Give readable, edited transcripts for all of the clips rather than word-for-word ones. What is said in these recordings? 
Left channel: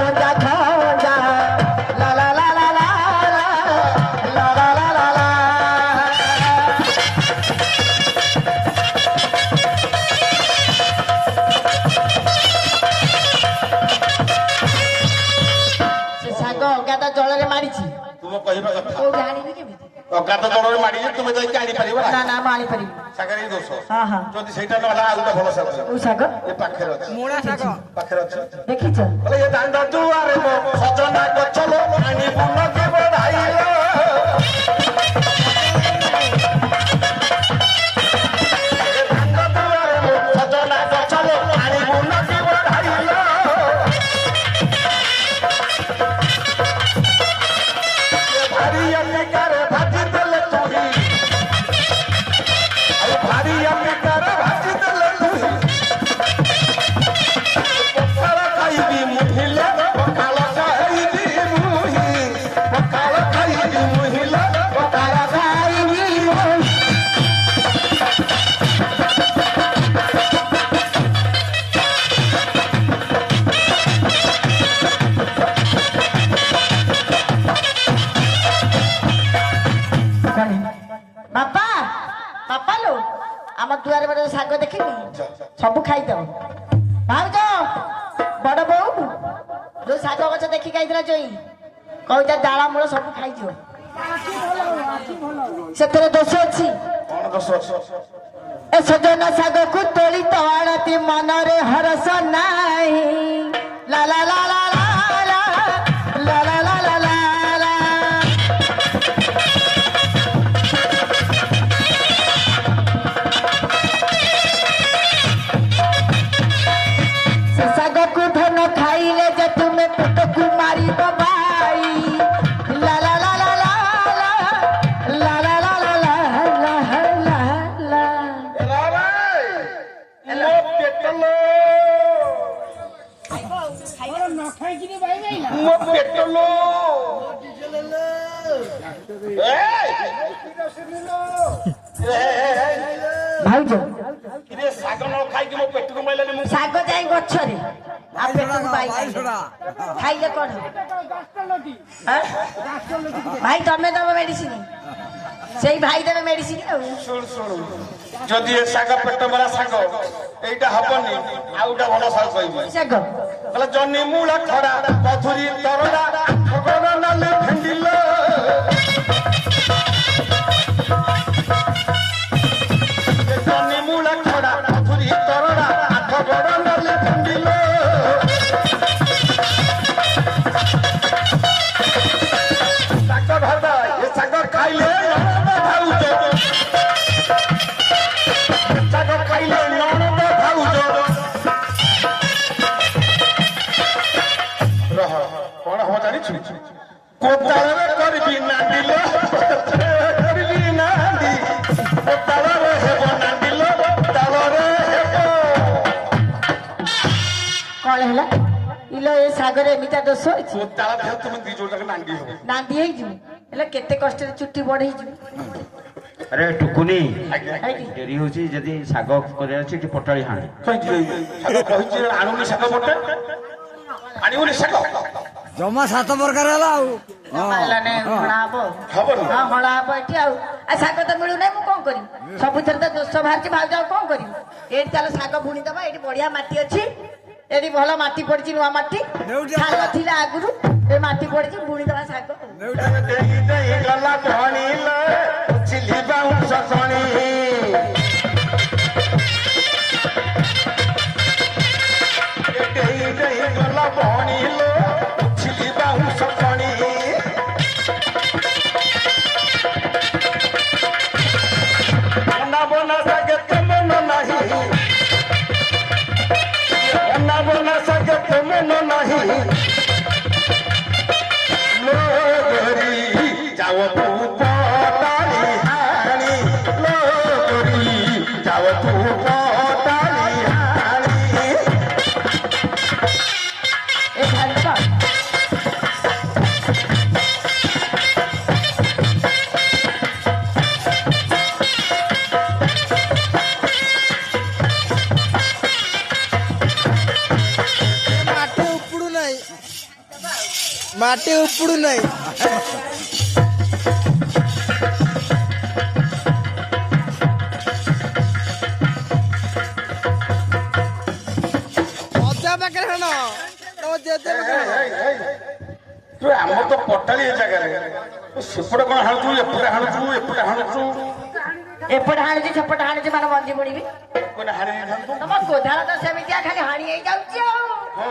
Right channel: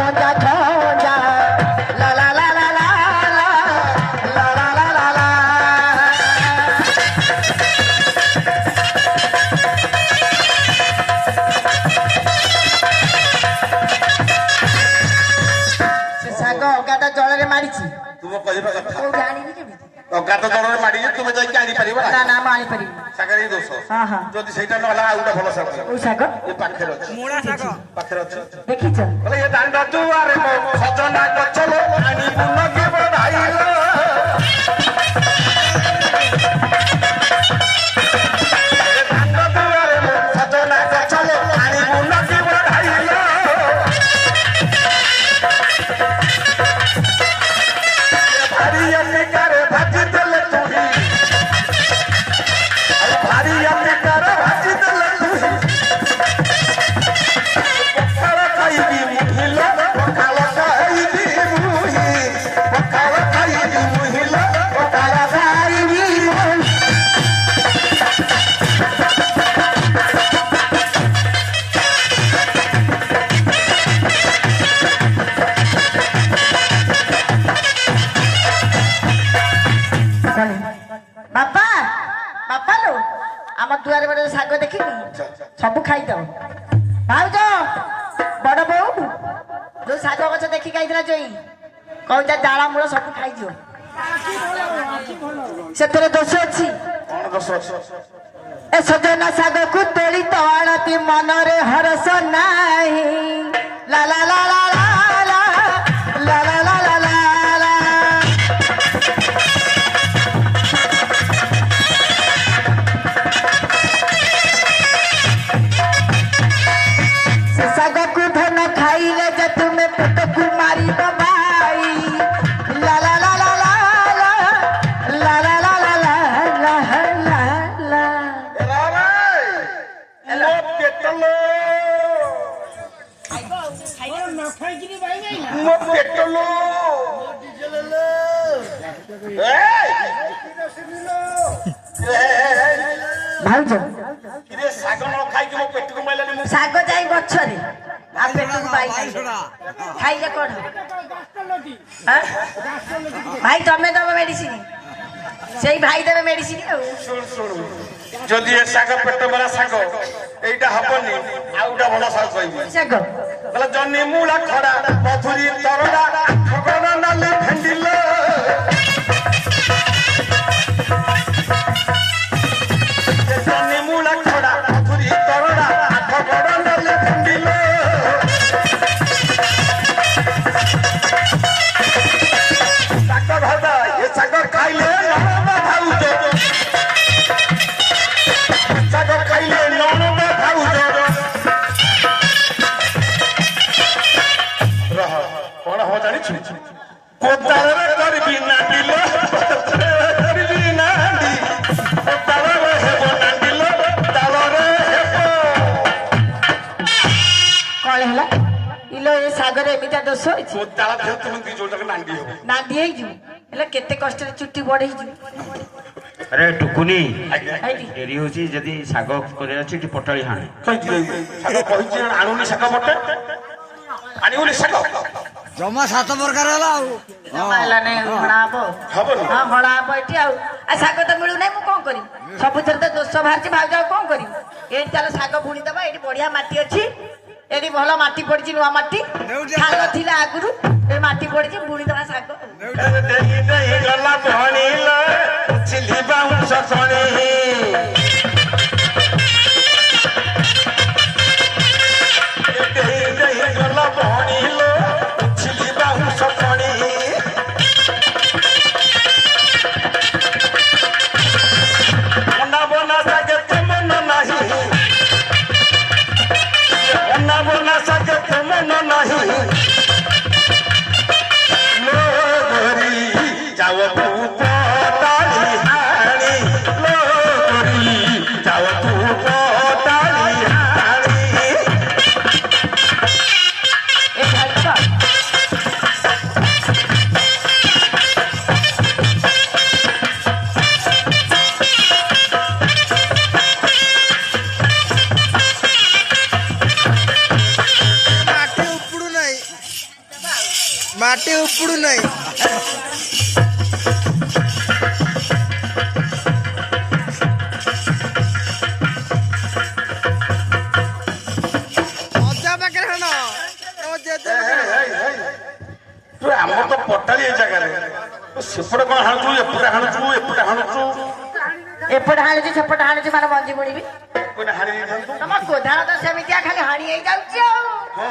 रंजा खंजा ला ला ला ला ला ला ला ला ला ला से साग अगाटा जଳରେ मारिछि तुम कहबा କଥା को जानिबि केमिति ଅଗାତ ଜଳରେ ମାଡ଼ିଛି ତୁମେ ଯାଇକି ଆଣିପାରିବ ନା ନା ମୁଁ ଆଣି ପାରିବି ଶାଗରେ ହିଁ ଦୋଷ ହଁ ହଁ ଯଦି ସେଇଟା ନହେଲା ଆଉ ଗୋଟେ ଭଲ ଶାଗ କୋଉ ଶାଗ ଏ ପାଖରେ ଅଛି ମୂଳା ଶାଗ ପାଖରେ ଅଛି ଦେଖିଛ ବୋଲେ ଏ ଦାଣ୍ଡ ଦୁଆରେ ମୋ ସଜନା ଗଛ ଲୋ ଆଣି ବୁଲ କେ ବଢାଇଲ ଦାଣ୍ଡ ଦୁଆରେ ମୋ ସଜନା ଗଛ ଲୋ ଆଣି ବୁଲ କେ ବଢାଇଲ ଭାରି ଅନେକାରେ ଭାଜି ଦେଲେ ତୁହି ଭାରି ଅନେକାରେ ଭାଜି ଦେଲେ ତୁହି ପଖାଳ ଖାଇବି ମୁହିଲ ପଖାଳ ଖାଇବି ମୁହି ପଖାଳ ଖାଇବି ମୁହିଲ ପଖାଳ ଖାଇବି ମୁହି ବାପା ବାପା ଲୋ ଆମ ଦୁଆରେ ବଡ଼ ଶାଗ ଦେଖିନି ସବୁ ଖାଇଦବ ଭାଉଜ ବଡ ବୋଉ ଯୋଉ ଶାଗ ଗଛ ଦେଖିକି ଆଇଥିଲା ଜୋଇ କହୁତା ଡାଳ ମୂଳ ସବୁ ଖାଇଯିବ ସେଥିରେ ଦୋଷ ଅଛି କଣ ଦୋଷ ଅଛି ଏ ସଜନା ଶାଗକୁ ତୋଳି ତ ଆଣତି ମନରେ ହରସ ନାହିଁ ଲା ଲା ଲା ଲା ଲା ଲା ଲା ଲା ଲା ଲା ଲା ଲା से ଶାଗକୁ ଧନ ଖାଇଲେ ଯେ ତୁମେ ପେଟକୁ ମାରିବ ଭାଇ ଲା ଲା ଲା ଲା ଲା ଲା ଲା ଲା ଲା ଲା ଲା ଲା ଲା ଲା ଏଲା ଭାଇ ମୋ ପେଟ ଲୋ ମୋ ପେଟ ଲୋ ଭାଉଜ କିରେ ଶାଗ ନ ଖାଇକି ମୋ ପେଟକୁ ମାଇଲାନି ମୁଁ ଶାଗ ଯାଇ ଗଛରେ ଆଉ ପେଟକୁ ପାଇଲାନି ଖାଇଲେ କଣ ଆଁ? ଭାଇ ତମେ ଦବ ମେଡିସିନ ସେଇ ଭାଇ ଦେବେ ମେଡିସିନ ଆଉ ଶୁଣୁ ଶୁଣୁ ଯଦି ଏ ଶାଗ ପେଟ ମେଳା ଶାଗ ଏଇଟା ହବନି ଆଉ ଗୋଟେ ଭଲ ଶାଗ କହିବି ଶାଗ ତାହେଲେ ଜହ୍ନି ମୂଳା ଖଡା ମଧୁରୀ ତରଡ଼ା ଖଗଣ ନାଲି ଭେଣ୍ଡିଲ ଜହ୍ନି ମୂଳା ଖଡା ମଧୁରୀ ତରଡ଼ା ଖଗଣ ନାଲି ଭେଣ୍ଡିଲ ଶାଗ ଭାଜା ଏ ଶାଗ ଖାଇଲେ ନଣନ୍ଦ ଭାଉଜ ଶାଗ ଖାଇଲେ ନଣନ୍ଦ ଭାଉଜ ରହ କଣ ହବ ଜାଣିଛୁ କୋଦାଳରେ କରିବି ନାଣ୍ଡିଲ କରିବି ନାଣ୍ଡି କୋଦାଳରେ ହେବ ନାଣ୍ଡିଲ ତାଳରେ ହେବ କଣ ହେଲା ଇଲୋ ଏ ଶାଗରେ ଏମିତିଆ ଦୋଷ ଅଛି କୋଦାଳ ଦେହ ତୁମେ ଦି ଯୋଉଟାରେ ନାଣ୍ଡି ହବ ନାଣ୍ଡି ହେଇଯିବ ହେଲେ କେତେ କଷ୍ଟରେ ଚୁଟି ବଢେଇଯିବ अरे टुकुनी ହେଇଟି डेरी होची जदी साग करे अछि टी पटाळी हाणे ଶାଗ କହିଛି ଆଣୁନି ଶାଗ ପଟେ ଆଣିବୁନି ଶାଗ ଜମା 7 ପ୍ରକାର ହେଲା ଆଉ ହେଲା ନାଇଁ ହଳା ହବ ହବନି ହଁ ହଳା ହବ ଏଠି ଆଉ ଶାଗ ତ ମିଳୁନାହିଁ ମୁଁ କଣ କରିବି ସବୁଥିରେ ତ ଦୋଷ ବାହାରିଛି ଭାଉଜ ଆଉ କଣ କରିବି ଏଇଠି ଚାଲ ଶାଗ ବୁଣିଦବା ଏଇଠି ବଢିଆ ମାଟି ଅଛି ଏଠି ଭଲ ମାଟି ପଡିଛି ନୂଆ ମାଟି ଖାଲ ଥିଲା ଆଗରୁ ଏ ମାଟି ପଡିଛି ବୁଣିଦବା ଶାଗ ଦେଇ ଦେଇ ଗଲା ଭଣିଲ ଚିଲି ବାଉଁଶ ଶଣି ଦେଇ ଦେଇ ଗଲା ଭଣିଲ ଚିଲି ବାଉଁଶ ଶଣି ଅନା ବନା ଶାଗ ତ ମନ ନାହିଁ ଅନା ବନା ଶାଗ ତ ମନ ନାହିଁ ମୋ ଘରି ଯାଅ ପୁତ ମାଟି ଉପୁଡୁ ନାହିଁ। ଅଜା ପାଖରେ ହାଣ ତମ ଜେଜେ ପାଖରେ ହାଣ। ତୁ ଆମର ତ ପଟାଳି ଏ ଜାଗାରେ ତୁ ସେପଟେ କଣ ହାଣୁଛୁ ଏପଟେ ହାଣୁଛୁ ଏପଟେ ହାଣୁଛୁ ଏପଟେ ହାଣୁଛି ସେପଟେ ହାଣୁଛି ମାନେ ମଞ୍ଜି ବୁଣିବି। କୋଉଟା ହାଣି ଦେଇଥାନ୍ତୁ। ତମ କୋଧାଳ ତ ସେମିତିଆ ଖାଲି ହାଣି ହେଇଯାଉଛି ଆଉ ହଁ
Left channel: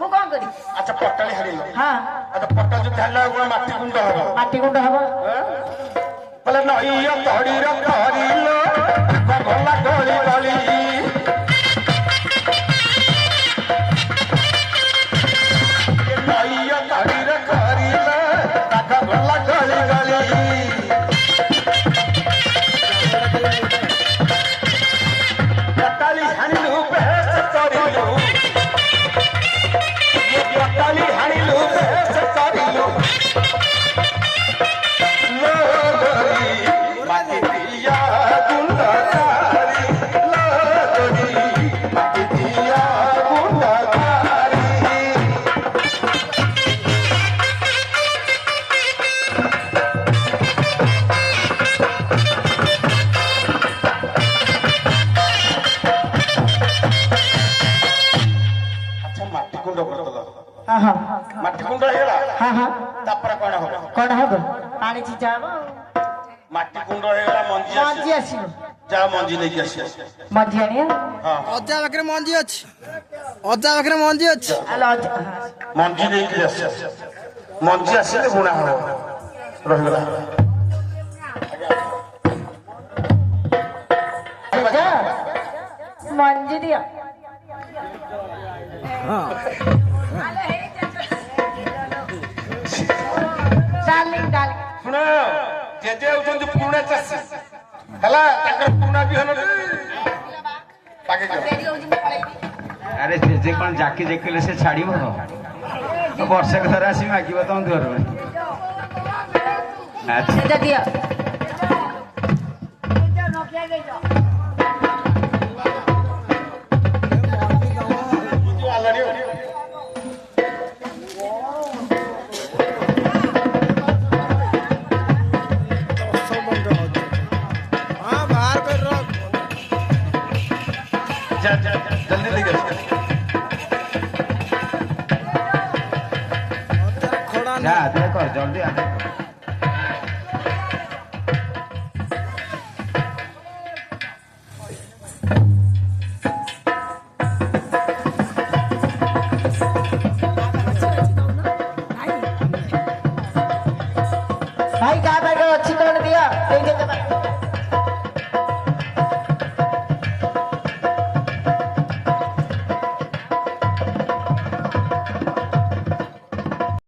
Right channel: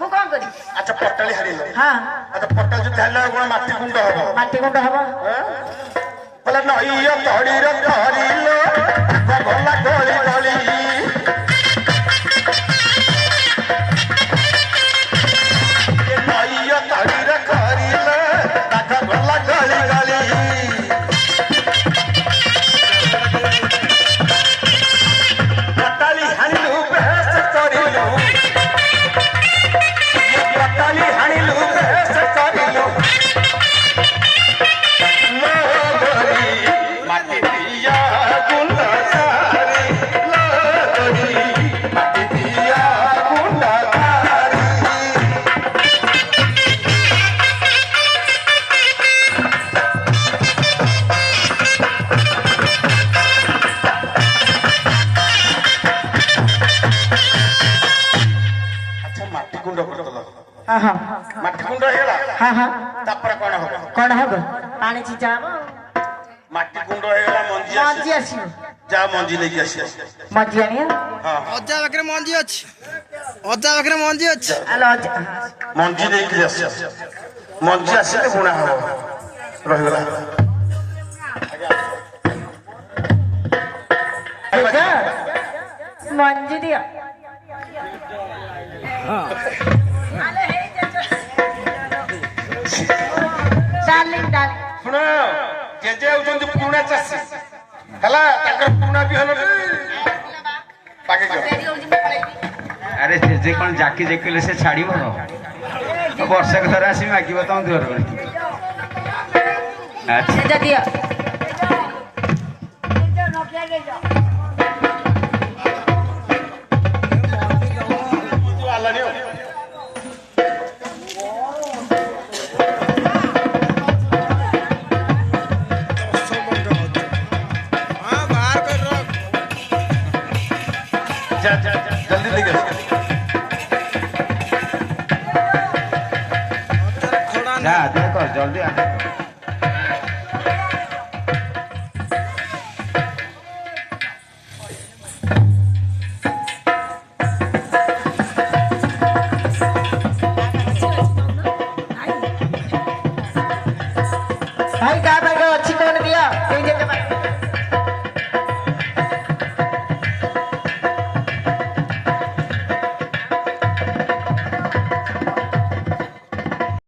ମୁଁ କଣ କରିବି? ଆଚ୍ଛା ପଟାଳି ହାଣିଲ। ହଁ ଆଚ୍ଛା ପଟାଳି ଯଦି ହାଣିଲା କଣ ମାଟି ଗୁଣ୍ଡ ହବ? ମାଟି ଗୁଣ୍ଡ ହବ। ବୋଲେ ନଈ ତଡ଼ିର ତରିଲ ଗଲା ଗଳି ଗଳି ନଈ ତଡ଼ିର କରିଲ ତାକ ଗଲା ଗଳି ଗଳି ପଟାଳି ହାଣିଲୁ ବେଶ କରିଲୁ ପଟାଳି ହାଣିଲୁ ବେଶ କରିଲୁ ହଁ ହଁ ମାଟି କୁଣ୍ଡ ହେଇଗଲା ହଁ ହଁ ତାପରେ କଣ ହବ? କଣ ହବ? ପାଣି ଛିଞ୍ଚା ହବ ଆଉ। ମାଟି କୁଣ୍ଡ ହେଇଗଲା ମଞ୍ଜି ମଞ୍ଜି ଆସିବ। ଯା ମଞ୍ଜି ନେଇକି ଆସିବ। ମଞ୍ଜି ଆଣିବ। ଅଜା ପାଖରେ ମଞ୍ଜି ଅଛି। ଅଜା ପାଖରେ ମଞ୍ଜି ଅଛି। ଆଲୋ ଅଜା ମଞ୍ଜି ନେଇକି ଆସିବ। ମଞ୍ଜି ଆସିଲେ ବୁଣା ହବ। ରହିଗଲା ଅଜା, ମଞ୍ଜି ଦିଅ। ଡାର୍ଲିଂ ଡାର୍ଲିଂ ଶୁଣ ଜେଜେ ହଉଛନ୍ତି ପୁରୁଣା ଚାଷୀ ହେଲା ତାଙ୍କର ପୁରୁଣା ବିହନ ଆରେ ଜେଜେ କଣ ଜାକି ଜାକିଲେ ସେ ଛାଡିବ ବର୍ଷକ ଥରେ ଆସି ମାଗିବ ତମ ଦୁଆର। ଆଚ୍ଛା ସେଟା ଦିଅ। जल्दी लेके ଖଡା ଯା ଜଲ୍ଦି